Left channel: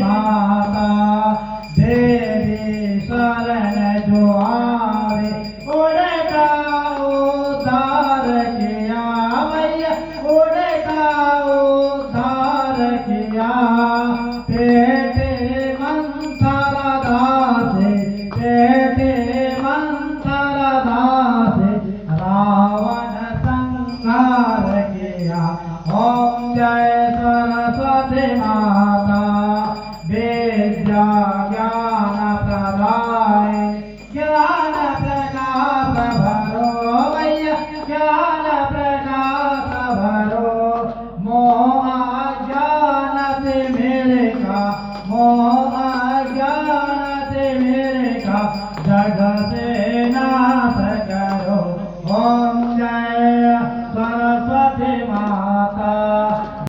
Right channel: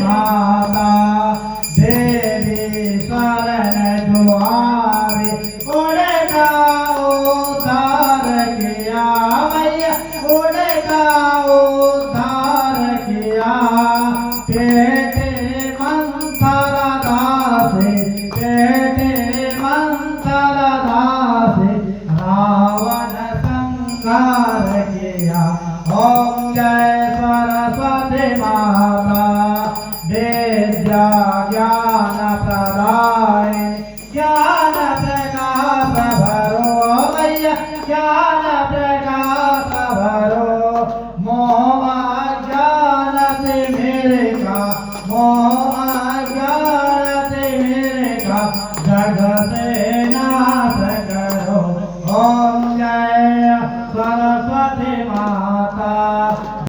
माता देवी शरण जो आवे उनका उद्धार किया मैया उनका उद्धार किया पेटे मंथर दासे पेटे मंथर दासे रावण संहार किया। ओम जय सरस्वती माता विद्या ज्ञान प्रदाय ज्ञान प्रकाश भरो मैया ज्ञान प्रकाश भरो मोह अज्ञान से मेरे का मोह अज्ञान से मेरे का जग से नाश करो। ओम जय